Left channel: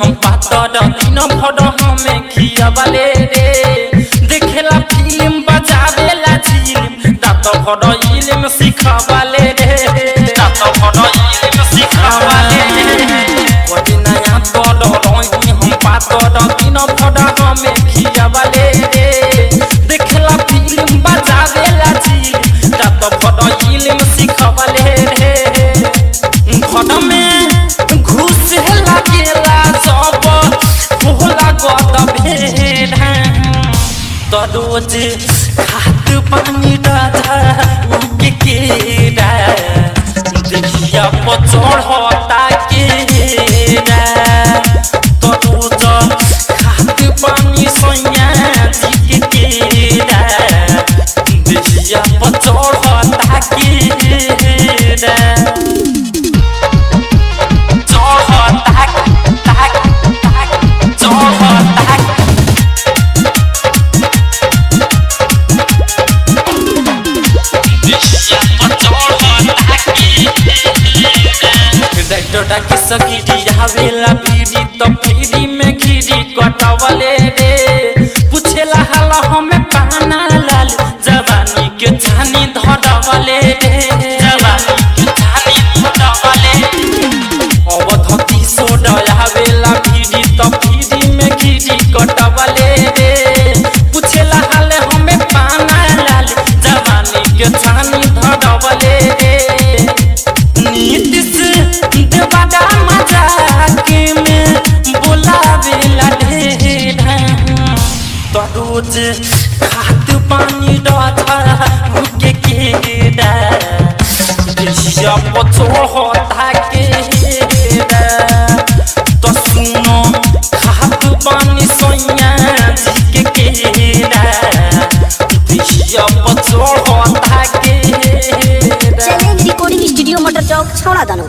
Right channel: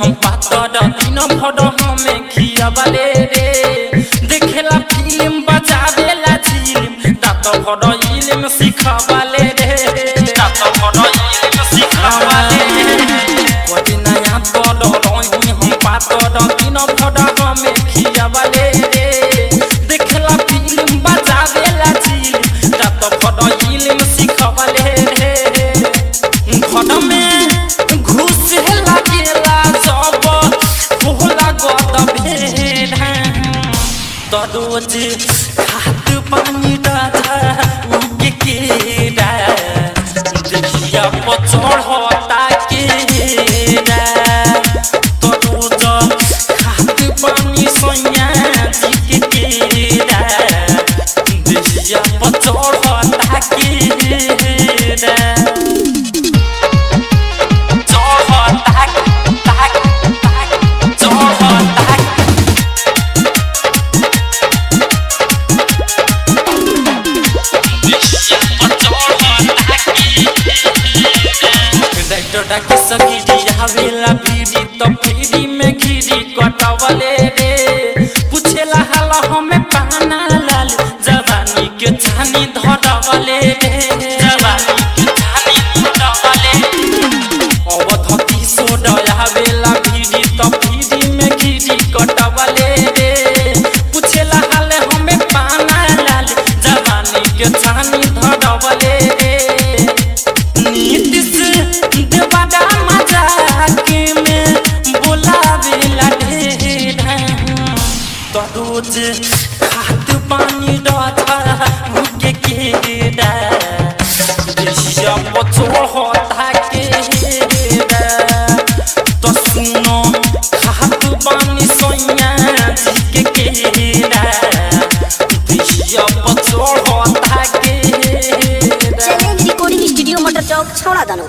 हम पातर दिन भर हमें खियावले रे देखेला फिल्म बजावेला झिलिम दात भर इल्म सिखावले रे दात भर इल्म सिखावले कोई नया बड़ रही हम पातर दिन भर हमें खियावले रे देखेला फिल्म बजावेला झिलिम दात भर इल्म सिखावले रे घर में घुस लागेला सब भोला गद भेड़ तो रोज खात पानी डाधा उगे केरा देखिया पचड़ता केरा तो रोज खात पानी सैया जी के केरा देखिया पचड़ता केरा की सगिरी आवेला भीड़ी तो फ्री में घिरी कटवले रे पूछेला हाल हमें पाना लाल जवानी के छानी धरवले रे जवानी के छानी धरवले अवधती सोडा आवेला भीड़ी तो फ्री में घिरी कटवले रे पूछेला हाल हमें पाना लाल जवानी के छानी धरवले रे नीतिश देवादा मजाक में बोलावेला ढेर तो रोज खात पानी डाधा उगे केरा देखिया पचड़ता केरा तो सुनो खात पानी सैया जी के केरा देखिया पचड़ता केरा। चैलेंज रिकॉर्डिंग स्टूडियो मोटर चौक छोड़ा दानो।